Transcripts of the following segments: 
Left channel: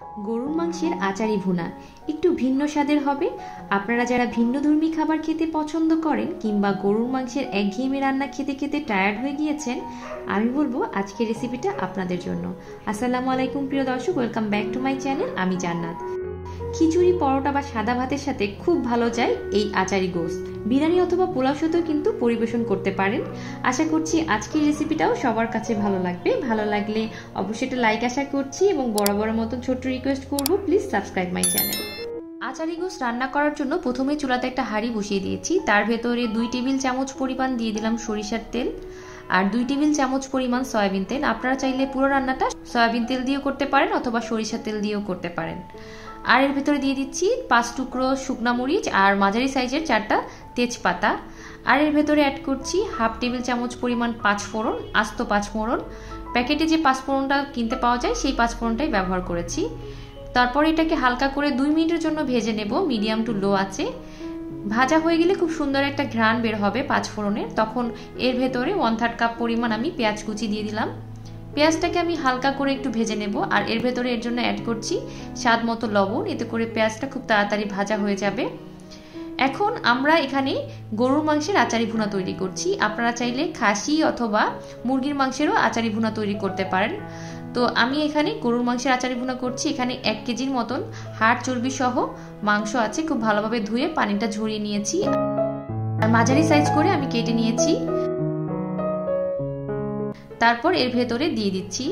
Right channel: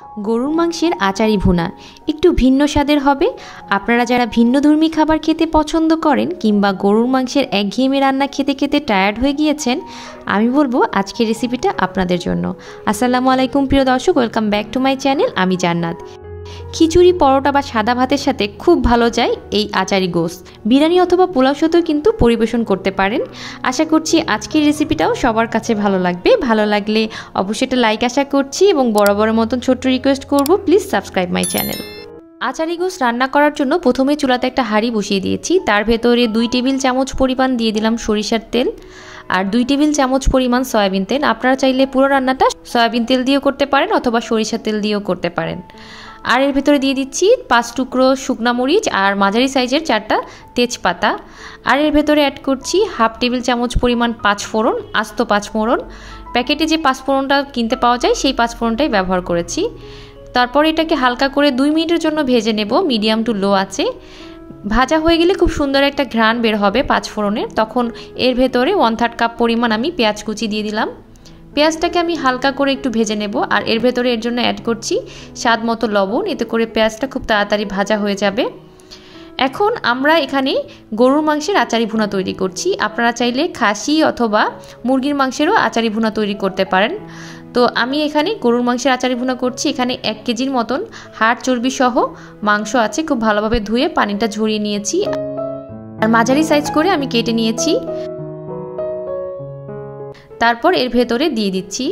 গরুর মাংসের আচারি ভুনা একটু ভিন্ন স্বাদের হবে। আপনারা যারা ভিন্নধর্মী খাবার খেতে পছন্দ করেন কিংবা গরুর মাংসের একঘেয়েমি রান্না খেতে খেতে টায়ার্ড হয়ে গিয়েছেন, আমি বলবো আজকের রেসিপিটা আপনাদের জন্য। আসসালামু আলাইকুম প্রিয় দর্শক, welcome back to my channel. আমি জান্নাত। খিচুড়ি, পরোটা বা সাদা ভাতের সাথে খুব ভালো যায় এই আচারি গোশত। বিরিয়ানি অথবা পোলাও সাথেও কিন্তু পরিবেশন করতে পারেন। আশা করছি আজকের রেসিপিটাও সবার কাছে ভালো লাগবে। ভালো লাগলে অবশ্যই একটা লাইক আশা করছি এবং বরাবরের মতন ছোট্ট রিকোয়েস্ট করব, please subscribe my channel. Achari গোশত রান্না করার জন্য প্রথমে চুলাতে একটা হাঁড়ি বসিয়ে দিয়েছি। তার ভেতরে 2 টেবিল চামচ পরিমাণ দিয়ে দিলাম সরিষার তেল আর 2 টেবিল চামচ পরিমাণ সয়াবিন তেল। আপনারা চাইলে পুরো রান্নাটা সয়াবিন তেল দিয়েও করতে পারেন অথবা সরিষার তেল দিয়েও করতে পারেন। আর এর ভেতরে দিয়ে দিচ্ছি 5 টুকরো শুকনা মরিচ আর মাঝারি সাইজের 4টা তেজপাতা। আর এর ভেতরে অ্যাড করছি হাফ টেবিল চামচ পরিমাণ 5 ফোড়ন, আস্ত 5 ফোড়ন। প্যাকেটে যে 5 ফোড়নটা কিনতে পাওয়া যায় সেই 5 ফোড়নটাই ব্যবহার করেছি। তারপর এটাকে হালকা করে 2 মিনিটের জন্য ভেজে নেব মিডিয়াম টু লো আছে। ভাজা হয়ে গেলে খুব সুন্দর একটা ঘ্রাণ বের হবে 5 ফোড়নের। তখন এর ভেতরে 1/3 কাপ পরিমাণ আমি পেঁয়াজ কুচি দিয়ে দিলাম। পেঁয়াজটাকে আমি হালকা করে একটু ভেজে নেব আর এর ভেতরে এর জন্য অ্যাড করছি স্বাদ মতো লবণ। এতে করে পেঁয়াজটা খুব তাড়াতাড়ি ভাজা হয়ে যাবে। এখন আমরা এখানে গরুর মাংসের আচারি ভুনা তৈরি করছি। আপনারা চাইলে খাসি অথবা মুরগির মাংসেরও আচারি ভুনা তৈরি করতে পারেন। তো আমি এখানে গরুর মাংসের আচারি ভুনা করছি। এখানে 1 কেজির মতন হাড় চর্বি সহ মাংস আছে। খুব ভালোভাবে ধুয়ে পানিটা ঝরিয়ে নিয়েছি আর মাঝারি সাইজ করে আমি কেটে নিয়েছি। তারপর এর ভেতরে দিয়ে দিচ্ছি।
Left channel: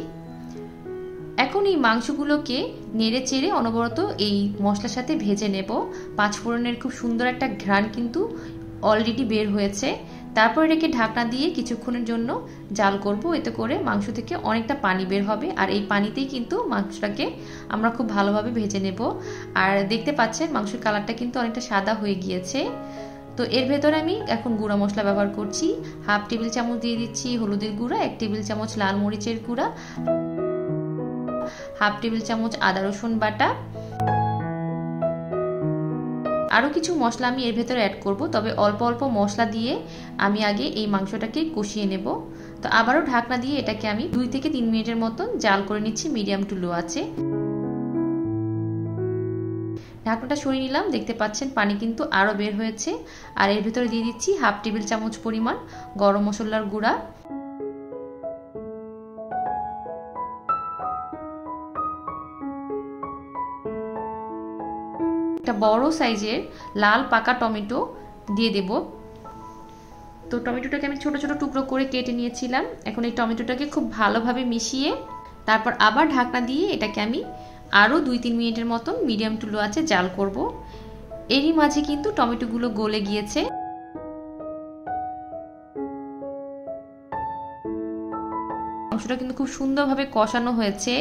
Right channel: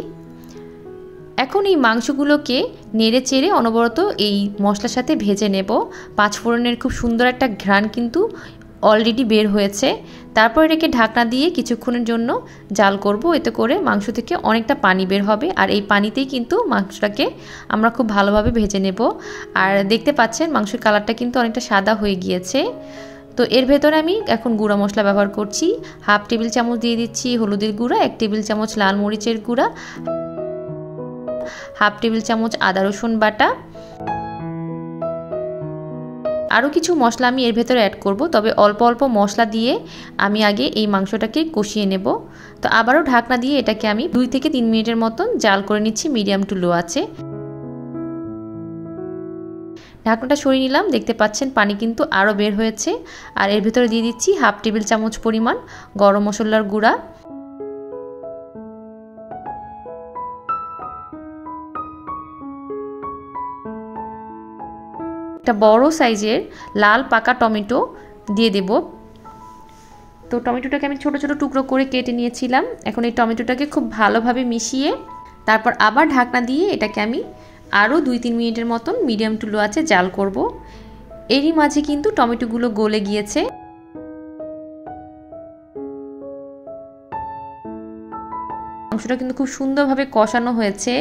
এখন এই মাংসগুলোকে নেড়ে চেড়ে অনবরত এই মশলার সাথে ভেজে নেব। 5 ফোড়নের খুব সুন্দর একটা ঘ্রাণ কিন্তু অলরেডি বের হয়েছে। তারপর এটাকে ঢাকনা দিয়ে কিছুক্ষণের জন্য জাল করব। এতে করে মাংস থেকে অনেকটা পানি বের হবে আর এই পানিতেই কিন্তু মাংসটাকে আমরা খুব ভালোভাবে ভেজে নেব। আর দেখতে পাচ্ছেন মাংসের কালারটা কিন্তু অনেকটা সাদা হয়ে গিয়েছে। তো এর ভেতরে আমি এখন গুঁড়া মশলা ব্যবহার করছি। হাফ টেবিল চামচ দিয়ে দিচ্ছি হলুদের গুঁড়া, 1 টেবিল চামচ লাল মরিচের গুঁড়া, হাফ টেবিল চামচ আদা রসুন বাটা। আরও কিছু মশলা আমি এর ভেতরে অ্যাড করব, তবে অল্প অল্প মশলা দিয়ে আমি আগে এই মাংসটাকে কষিয়ে নেব। তো আবারও ঢাকনা দিয়ে এটাকে আমি 2 থেকে 3 মিনিটের মতন জাল করে নিচ্ছি মিডিয়াম টু লো আছে। ঢাকনাটা সরিয়ে নিলাম। দেখতে পাচ্ছেন পানি কিন্তু আরও বের হয়েছে। আর এর ভিতরে দিয়ে দিচ্ছি হাফ টেবিল চামচ পরিমাণ গরম মশলার গুঁড়া, একটা বড় সাইজের লাল পাকা টমেটো দিয়ে দেব। তো টমেটোটাকে আমি ছোট ছোট টুকরো করে কেটে নিয়েছিলাম। এখন এই টমেটোটাকে খুব ভালোভাবে মিশিয়ে তারপর আবার ঢাকনা দিয়ে এটাকে আমি আরও 2-3 মিনিটের মতন মিডিয়াম টু লো আছে জাল করব। এরই মাঝে কিন্তু টমেটোগুলো গলে গিয়েছে। মাংসটা কিন্তু খুব সুন্দরভাবে কষানো হয়েছে।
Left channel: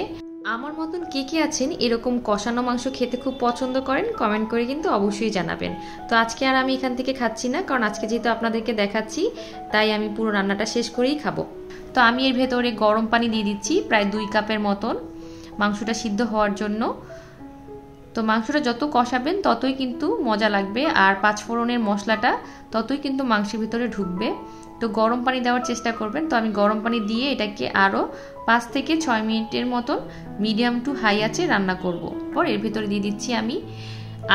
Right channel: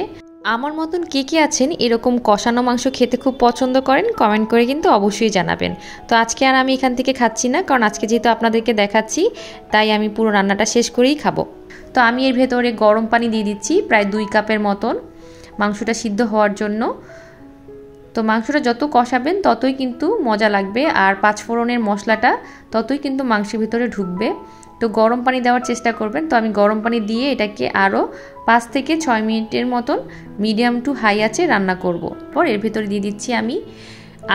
আমার মতন কে কে আছেন এরকম কষানো মাংস খেতে খুব পছন্দ করেন, কমেন্ট করে কিন্তু অবশ্যই জানাবেন। তো আজকে আর আমি এখান থেকে খাচ্ছি না, কারণ আজকে যেহেতু আপনাদেরকে দেখাচ্ছি তাই আমি পুরো রান্নাটা শেষ করেই খাবো। তো আমি এর ভেতরে গরম পানি দিয়ে দিচ্ছি প্রায় 2 কাপের মতন মাংসটা সিদ্ধ হওয়ার জন্য। তো মাংসটা যত কষাবেন ততই কিন্তু মজা লাগবে আর 5 ফোড়নের মশলাটা ততই কিন্তু মাংসের ভিতরে ঢুকবে। তো গরম পানি দেওয়ার চেষ্টা করবেন। তো আমি গরম পানি দিয়ে এটাকে আরও 5 থেকে 6 মিনিটের মতন মিডিয়াম টু হাই আঁচে রান্না করব। পর এর ভিতরে দিয়ে দিচ্ছি আমি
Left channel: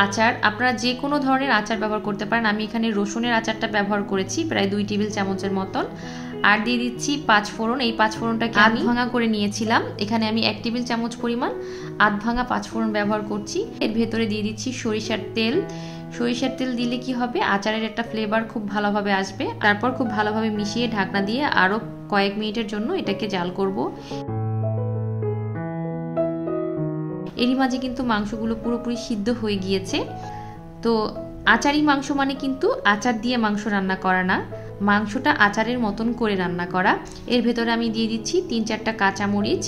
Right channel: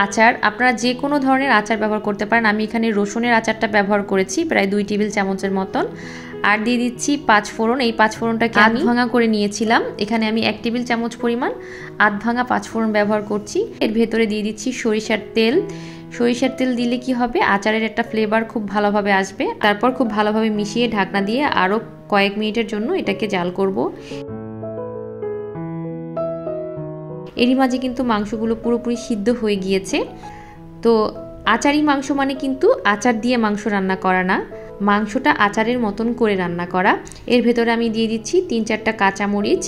আচার। আপনারা যে কোনো ধরনের আচার ব্যবহার করতে পারেন। আমি এখানে রসুনের আচারটা ব্যবহার করেছি প্রায় 2 টেবিল চামচের মতন। আর দিয়ে দিচ্ছি 5 ফোড়ন। এই 5 ফোড়নটাকে আমি ভাঙা করে নিয়েছিলাম। এখানে আমি 1 টেবিল চামচ পরিমাণ আধ ভাঙা 5 ফোড়ন ব্যবহার করছি। এর ভেতরে দিয়ে দিচ্ছি সরিষার তেল। সরিষার তেল দিলে কি হবে, আচারের একটা ফ্লেভার খুব ভালোভাবে আসবে। তারপর খুব ভালোভাবে মিশিয়ে ঢাকনা দিয়ে আরও কয়েক মিনিটের জন্য এটাকে জাল করব। এরই মাঝে কিন্তু মাংসগুলো পুরোপুরি সিদ্ধ হয়ে গিয়েছে। তো আচারি মাংস মানে কিন্তু আচার দিয়ে মাংস রান্না করা না, মাংসটা আচারের মতন করে রান্না করা। এর ভেতরে আমি দিয়ে দিচ্ছি 3-4টা কাঁচামরিচ।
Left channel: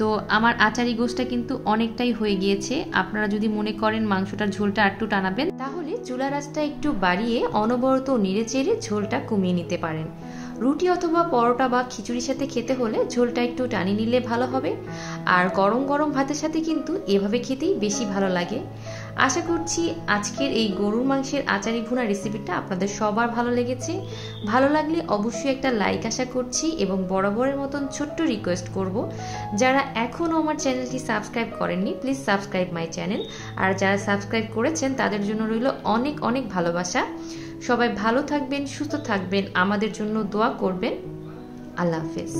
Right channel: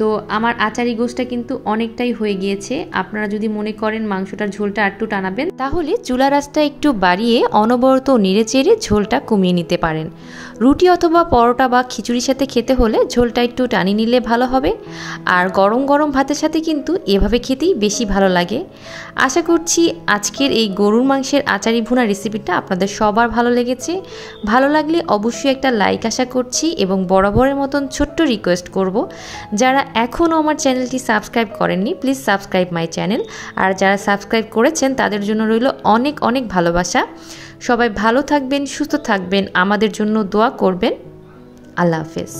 তো আমার আচারি গোশতটা কিন্তু অনেকটাই হয়ে গিয়েছে। আপনারা যদি মনে করেন মাংসটার ঝোলটা একটু টানাবেন তাহলে চুলা রাসটা একটু বাড়িয়ে অনবরত নেড়ে চেড়ে ঝোলটা কমিয়ে নিতে পারেন। রুটি অথবা পরোটা বা খিচুড়ির সাথে খেতে হলে ঝোলটা একটু টানি নিলে ভালো হবে। আর গরম গরম ভাতের সাথে কিন্তু এভাবে খেতেই বেশি ভালো লাগে। আশা করছি আজকের এই গরুর মাংসের আচারি ভুনা রেসিপিটা আপনাদের সবার ভালো লেগেছে। ভালো লাগলে অবশ্যই একটা লাইক আশা করছি, এবং বরাবরের মতন ছোট্ট রিকোয়েস্ট করব, যারা এখনও আমার চ্যানেলটি সাবস্ক্রাইব করেননি প্লিজ সাবস্ক্রাইব মাই চ্যানেল, আর যারা সাবস্ক্রাইব করেছেন তাদের জন্য রইল অনেক অনেক ভালোবাসা। সবাই ভালো থাকবেন, সুস্থ থাকবেন, আমাদের জন্য দোয়া করবেন। আল্লাহ হাফেজ।